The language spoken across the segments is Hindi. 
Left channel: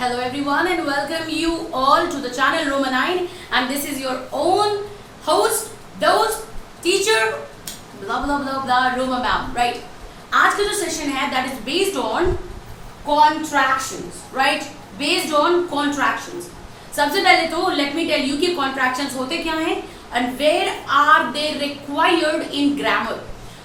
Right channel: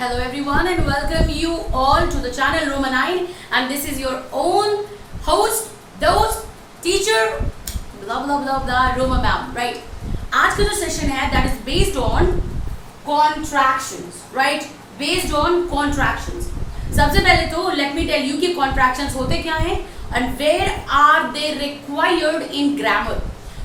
Hello everyone and welcome you all to the channel Roma 9 and this is your own host, dost, teacher, blah blah blah blah Roma ma'am, right? आज का जो सेशन है that is based on contractions, right? Based on contractions. सबसे पहले तो let me tell you कि contractions होते क्या हैं and where are they required in grammar.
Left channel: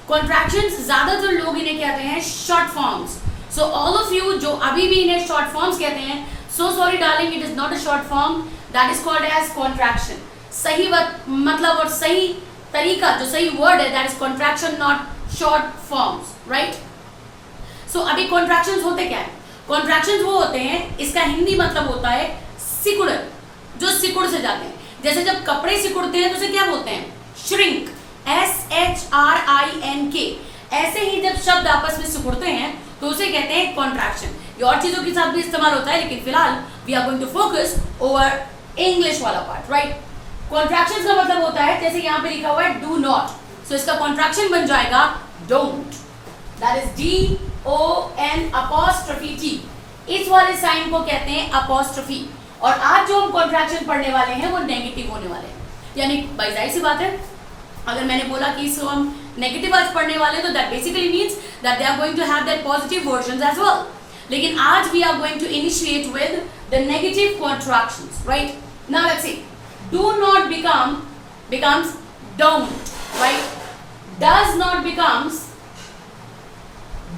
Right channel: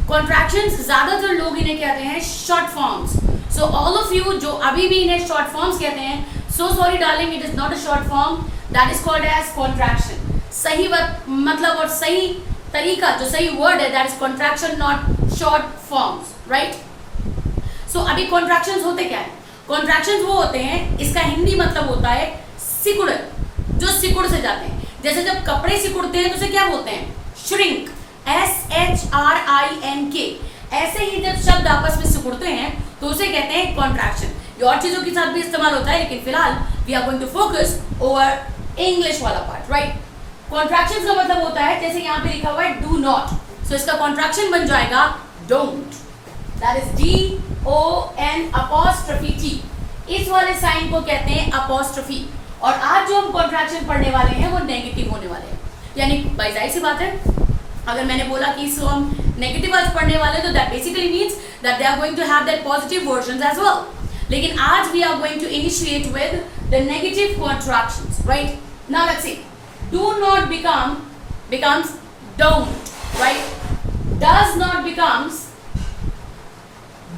Contractions ज़्यादातर लोग इन्हें कहते हैं short forms. So all of you जो अभी भी इन्हें short forms कहते हैं, so sorry darling, it is not a short form. That is called as contraction. सही मतलब और सही तरीका जो सही word है that is contraction, not short forms, right? So अभी contractions होते क्या है? Contractions वो होते हैं, इसका हिंदी मतलब होता है सिकुड़न, जो सिकुड़ से जाते हैं. जैसे जब कपड़े सिकुड़ते हैं तो उसे क्या बोलते हैं? Shrink, SHRINK. ऐसे ही जब शब्द आपस में सिकुड़ते हैं तो उसे कहते हैं कॉन्ट्रैक्शन. ये और चीजों के साथ भी इस्तेमाल होता है लेकिन फिलहाल we are going to focus over English वाला पार्ट, राइट? कॉन्ट्रैक्शंस का मतलब होता है जैसे यहाँ पे लिखा हुआ है डू नॉट, सो इसका कॉन्ट्रैक्शन बन जाएगा डोंट. That is DON''T. इस वाले साइन को कहते हैं अपॉस्ट्रोफी. और आज जो हम कॉन्ट्रैक्शन पढ़ने वाले हैं वो नेगेटिव होने वाले हैं. यानी भाई जाहिर सी बात है, अगर मैंने बोला कि इसको हम नेगेटिव आज पढ़ने वाले तो that basically means that they are going to have their positive versions as well. लेकिन आज we are going to initiate with the negative contractions, right? Now let's see. Do not becomes don't, right? Does not becomes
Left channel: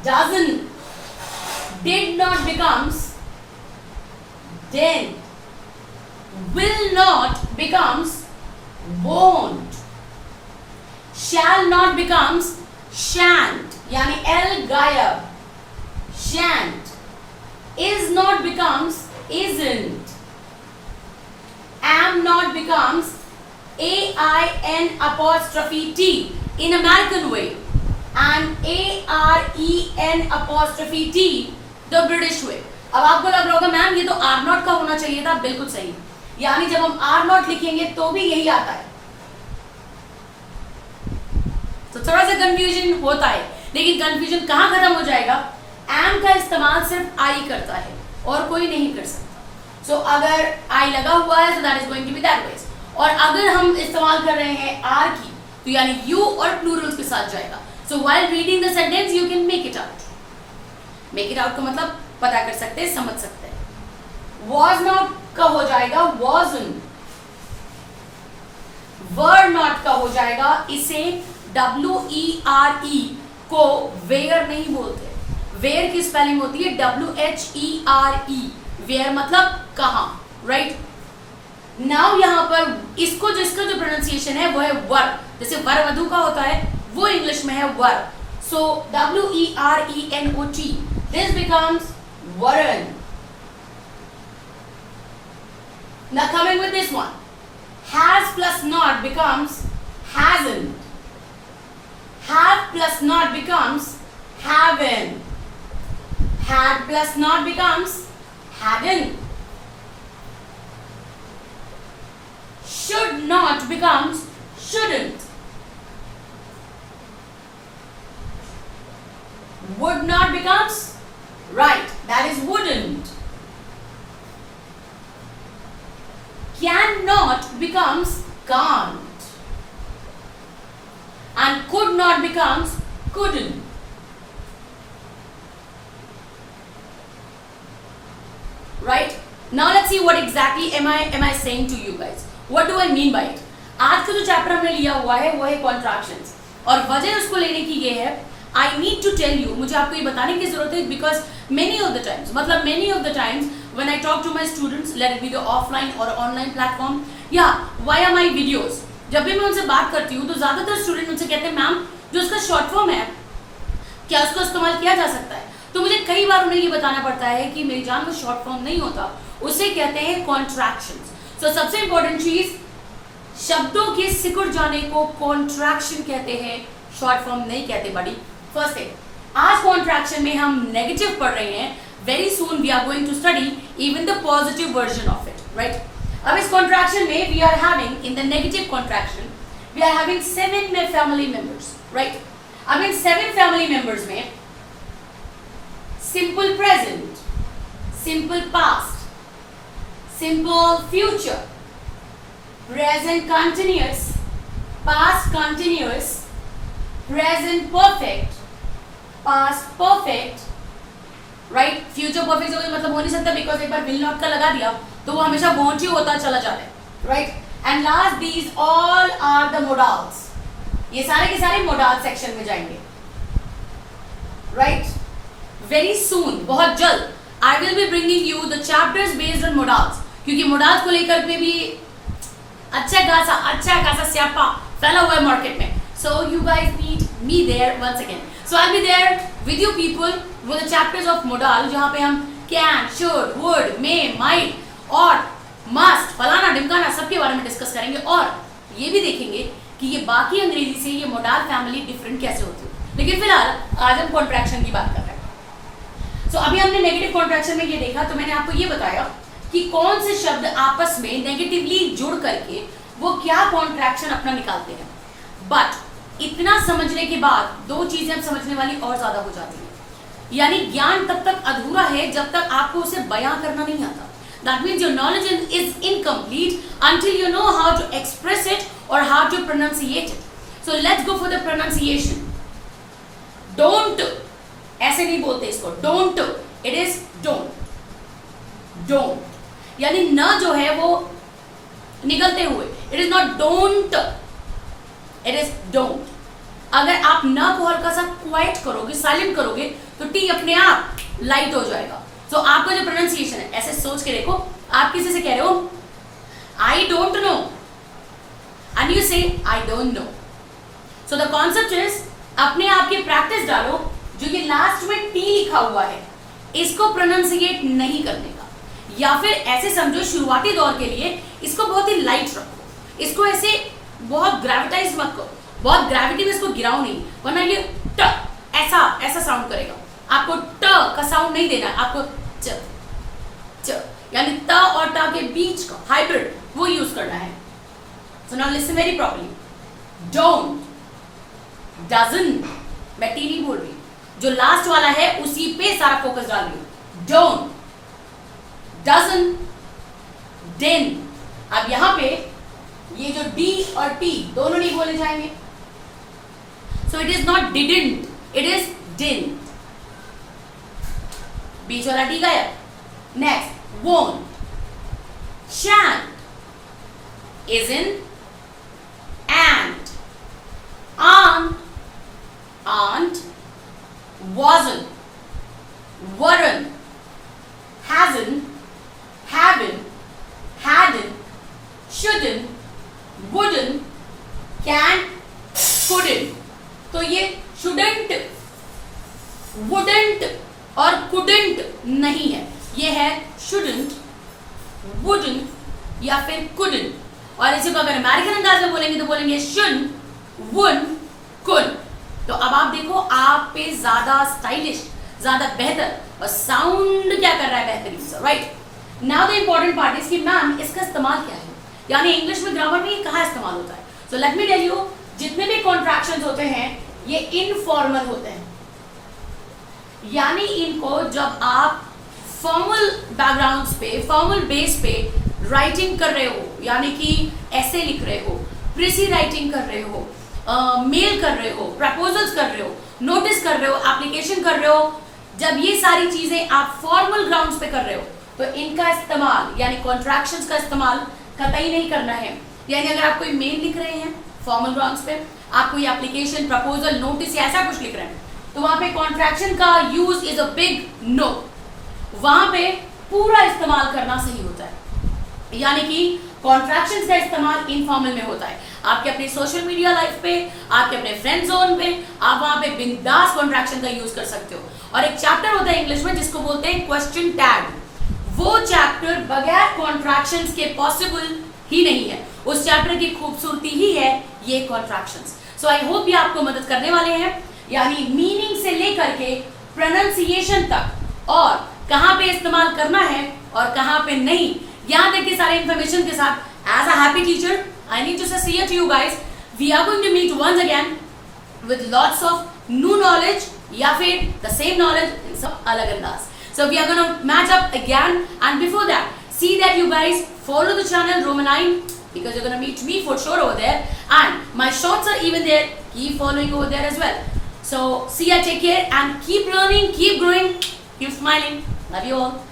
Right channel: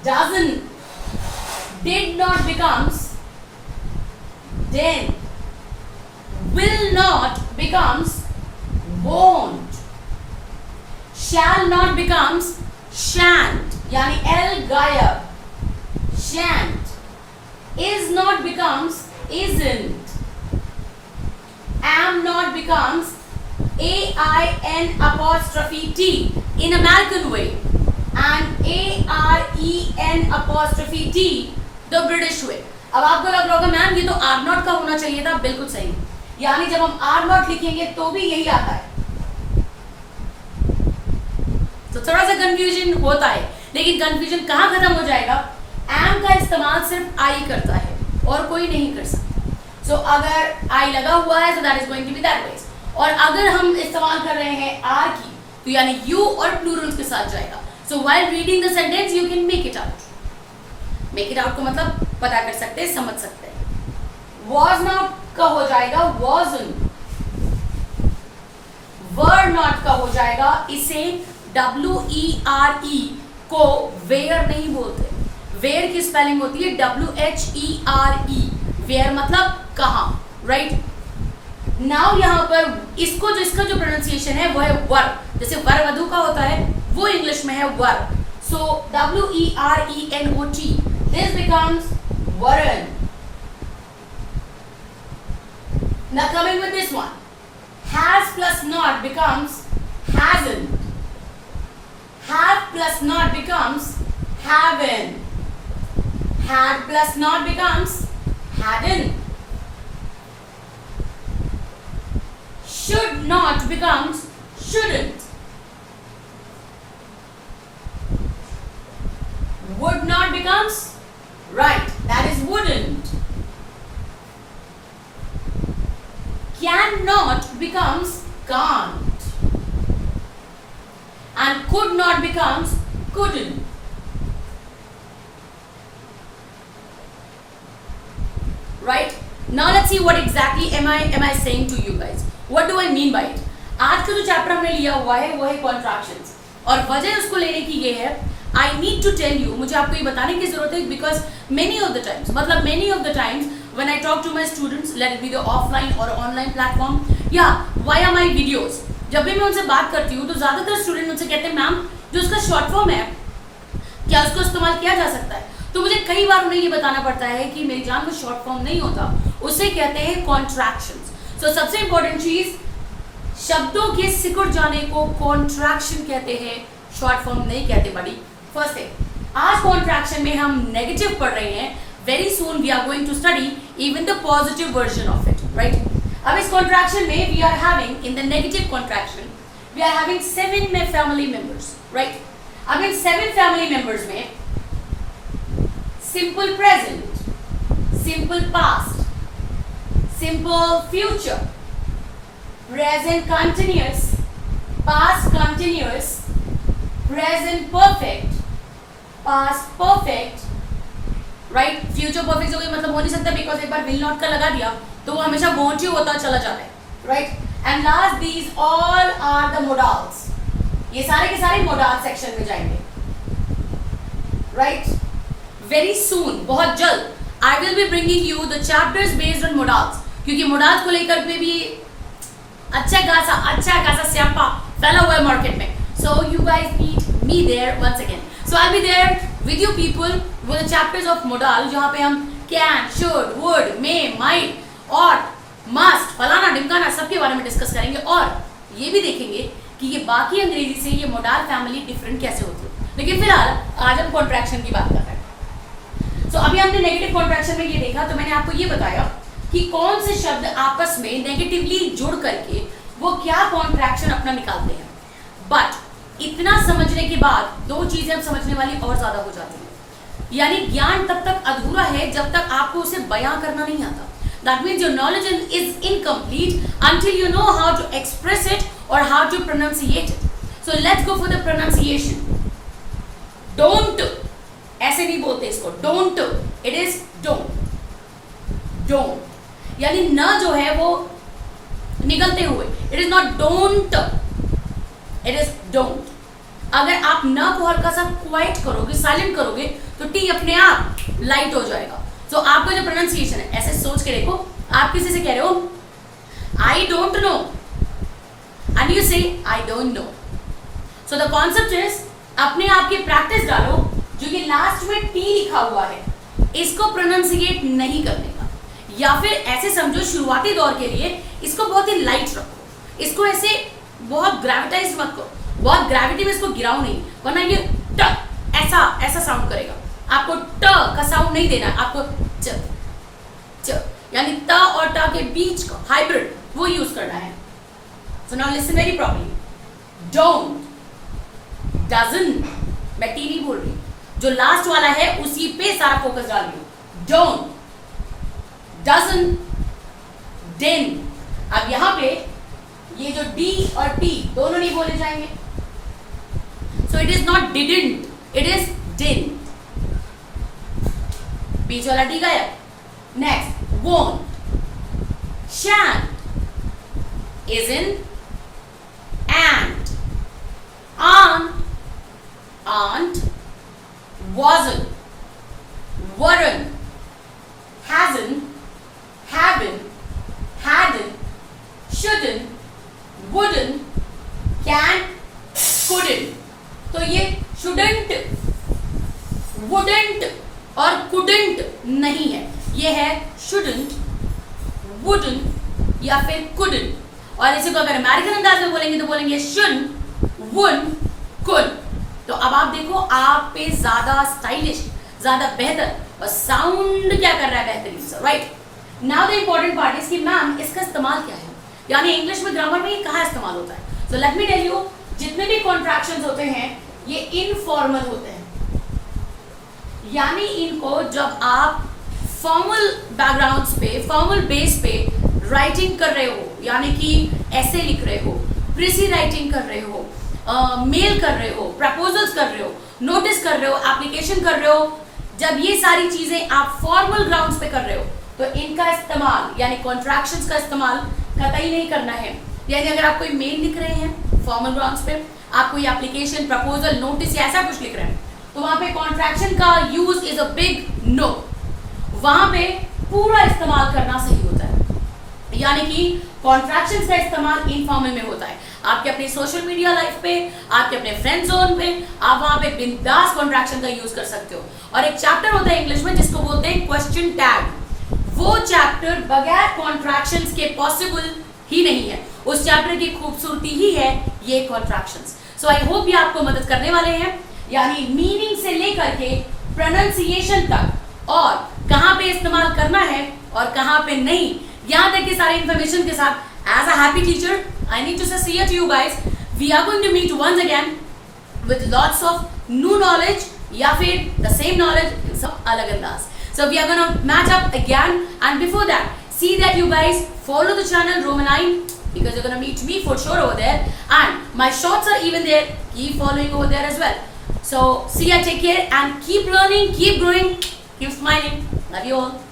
doesn't. Did not becomes didn't. Will not becomes won't. Shall not becomes shan't, यानी L गायब, shan't. Is not becomes isn't. Am not becomes AIN''T in American way and AREN''T the British way. अब आपको लग रहा होगा मैम ये तो R नॉट का होना चाहिए था. बिल्कुल सही. यानी जब हम R नॉट लिखेंगे तो भी यही आता है. तो थोड़ा सा कंफ्यूजन होता है लेकिन कंफ्यूजन कहाँ खत्म हो जाएगा? एम का इस्तेमाल सिर्फ आई करता है और कोई नहीं कर सकता. सो अगर आई लगा हुआ है तो that is going to be that ways. और अगर हम इस्तेमाल कर रहे हैं आर की तो यानी यू और प्लूरल्स के साथ जाएगा. सो while reading the sentence you can make it out. Make it out का मतलब पता कर सकते हैं, समझ सकते हैं. वॉज नॉट का हो जाएगा वॉजंट. वर नॉट का हो जाएगा, इसे WERE को वेयर नहीं बोलते. वेयर की स्पेलिंग होती है WHERE. वेयर मतलब कहां, राइट? नाउ यहां पर इसको जिसका जो प्रोनाउंसिएशन है वो है वर. जैसे वर वधु का होता है वो इंग्लिश में है वर. सो WERENOT. दिस बिकम्स वरन. Now coming with this one. Has plus not becomes hasn't. Have plus not becomes haven't. Had plus not becomes hadn't. Should not becomes shouldn't. Would not becomes right, that is wouldn't. Cannot becomes can't. And could not becomes couldn't. Right? Now let's see what exactly am I saying to you guys. What do I mean by it? आज का जो चैप्टर हमने लिया हुआ है वो है कॉन्ट्रैक्शंस और वजह उसको लेने की ये है. I need to tell you, मुझे आपको ये बताने की जरूरत है because many of the times when I talk to my students, let it be the offline or online platform, yeah, via my videos, जब भी मैं उनसे बात करती हूँ तो ज्यादातर स्टूडेंट मुझसे कहते हैं मैम जो उसका शॉर्ट फॉर्म है क्या उसको इस्तेमाल किया जा सकता है? तो मुझे कई बार उन्हें ये बताना पड़ता है कि मेरी जान में शॉर्ट फॉर्म नहीं होता, उसे कहते हैं कॉन्ट्रैक्शंस. सो सबसे इंपॉर्टेंट चीज, शब्दों के सिकुड़ जाने को कॉन्ट्रैक्शन कहते हैं, शॉर्ट फॉर्म नहीं कहते बड़ी. फर्स्ट है, आज कॉन्ट्रैक्शन में हम नेगेटिव पढ़ रहे हैं. Very soon we are going to study even the positive version of it, right? अब इस कॉन्ट्रैक्शन में we are having in the negative contraction we are having 7 family members, right? अब इन 7 फैमिली मेंबर्स में simple present, simple past, simple future, present continuous, past continuous, present perfect, past perfect, right. Future perfect से मतलब हो नहीं सकता बिकॉज एक बार विल नॉट का लगा दिया तो वो हमेशा वॉन्ट ही होता चला जाता है, right. And last these all are the modals. ये सारे के सारे मोडाल सेक्शन में जाएंगे, राइट. वेरी सून, बहुत जल्द I will be bringing you the chapters based on modals, क्योंकि मोडाल्स को लेकर में भी अच्छा खासा स्यापा फैला हुआ है मार्केट में. So you guys meet me there once again. So I'll be there with you people with the chapters of modal, जहाँ पे हम can, should, would, may, might, ought, must, फलाना ढिमकाना सबके बारे में डिस्कस करेंगे और ये भी देखेंगे कि ये बाकी अंग्रेजी से ये modal फैमिली डिफरेंट कैसे होती है. लेकिन फिलहाल आज हम कॉन्ट्रैक्शन की बात कर रहे हैं. So अभी हमने नेगेटिव कॉन्ट्रैक्शन में ये देखा तो मैंने आपको ये बताया कि कौन से शब्द आपस में नेगेटिवली जुड़ करके वो क्या कॉन्ट्रैक्शन अपना निकालते हैं. बट इतना समझने के बाद दो चीजें अब समझने वाली और ज्यादा हो जाती है. यानी ज्ञान तब तक अधूरा है जब तक आपको उसे बयां करना नहीं आता. That means your knowledge is incomplete until you know how to express it और how to pronunciate it. So let's go for the pronunciation. Don't ऐसे नहीं बोलते इसको, don't, it is don't. Don't यानी न जो है वो निकलते हुए, it is not don't, it is don't. अगर आप न को हल्का सा क्वाइट करोगे, साइलेंट करोगे तो टी अपने आप लाइट हो जाएगा. तो आपका जो प्रोनाउंसिएशन है ऐसे सोच के देखो, आप किसी से कह रहे हो I don't know and you say I don't know. So the concept is अपने आप की प्रैक्टिस डालो. जो ये लास्ट में टी लिखा हुआ है इसको प्रोनाउंसिएट नहीं करने का, या फिर ऐसे समझो शुरुआती दौर के लिए इसको बहुत ही लाइट रखो. इसको ऐसे बहुत ग्रेविटाइज मत करो, बहुत ग्रेविटी में इसको गिराओ नहीं, वरना ये ट ऐसा साउंड करेगा. आपको ट का साउंड नहीं देना है, आपको च च यानी त और ट के बीच का हाइब्रिड वो यूज करना है. So now listen very properly. Don't, doesn't, मैं टी नहीं बोल रही, जो लास्ट वाला है उसी पे सारा फोकस डाल रही हूं. Don't, doesn't, didn't. अब यहां पे ये जो डी और टी दोनों नहीं बोले जाएंगे. So it is not didn't, it is didn't. बीच वाला डी गया. Next, won't, shan't, isn't, and, aren't, wasn't, weren't, hasn't, haven't, hadn't, shouldn't, wouldn't, can't, couldn't. तो ये shouldn't, wouldn't और couldn't नहीं है, ये है shouldn't, wouldn't या फिर couldn't. और इसी को अगर अमेरिकन अंदाज में बोलेंगे तो बोलेंगे shouldn't, wouldn't, could. तो अब आप देखो आप पे ज्यादा स्टाइलिश, ज्यादा बेहतर और साउंड क्या कर रहा है बेहतरीन से, right. Now the important part is कि मैम इसका इस्तेमाल क्या है, यानी इंग्लिश में ग्रामर में ये कहाँ इस्तेमाल होता है. So let me tell you, जितने भी कॉन्ट्रैक्शंस होते हैं ये इनफॉर्मल होते हैं. यानी इनको जब आप फॉर्मल बैकग्राउंड्स पे, फॉर्मल बेस पे राइटिंग कर रहे हो, यानी कि ऐसे लिख रहे हो, प्रीसी राइटिंग कर रहे हो, मेल कर रहे हो, प्रपोजल्स कर रहे हो, नोटिस कर रहे हो, एप्लीकेशन कर रहे हो, जब ये सारी चीजें आप फॉर्मल ग्राउंड्स पे कर रहे हो तो इनका इस्तेमाल यानी कॉन्ट्रैक्शंस का इस्तेमाल कतई नहीं करना है. यानी अगर आप कोई मेल लिख रहे हैं फॉर्मल ग्राउंड्स पे, आप कोई एप्लीकेशन, प्रपोजल, नोटिस या ऐसा कुछ लिख रहे हैं तो वहां पे कॉन्ट्रैक्शन का use is a big no. वहां पे पूरा इस्तेमाल करना सही होता है. यानी कि कॉन्ट्रैक्शंस का इस्तेमाल इनफॉर्मल में होता है. आपके अपने सोशल मीडिया लाइफ पे, आपके अपने फ्रेंड जोन पे, आप वहां पे बिंदास कॉन्ट्रैक्शन का यूज कर सकते हो. और एक चैप्टर होता है इंग्लिश में जिसको बोलते हैं क्वेश्चन टैग. वो चैप्टर बगैर कॉन्ट्रैक्शंस के पॉसिबल ही नहीं है. उस चैप्टर की खूबसूरती ही है ये कॉन्ट्रैक्शंस. सो आई होप ये आपको मदद करने वाले हैं, यानी मीनिंग से लेकर के प्रोनाउंसिएशन तक और कहां पे इस्तेमाल करना है और कहां पे नहीं, यहां तक के सारे इंफॉर्मेशन के साथ. As a happy teacher, I need to say to you guys, we are going to meet once again with lots of new knowledge या फिर the same knowledge in some अलग अंदाज. So we are going to match up again, and before that, See that you guys follow the channel Romanine, because you're gonna meet me for sure over there, and my shorts are even there. Keep following over there as well. So see ya, take care, and keep learning, keep growing, keep smiling. Love you all.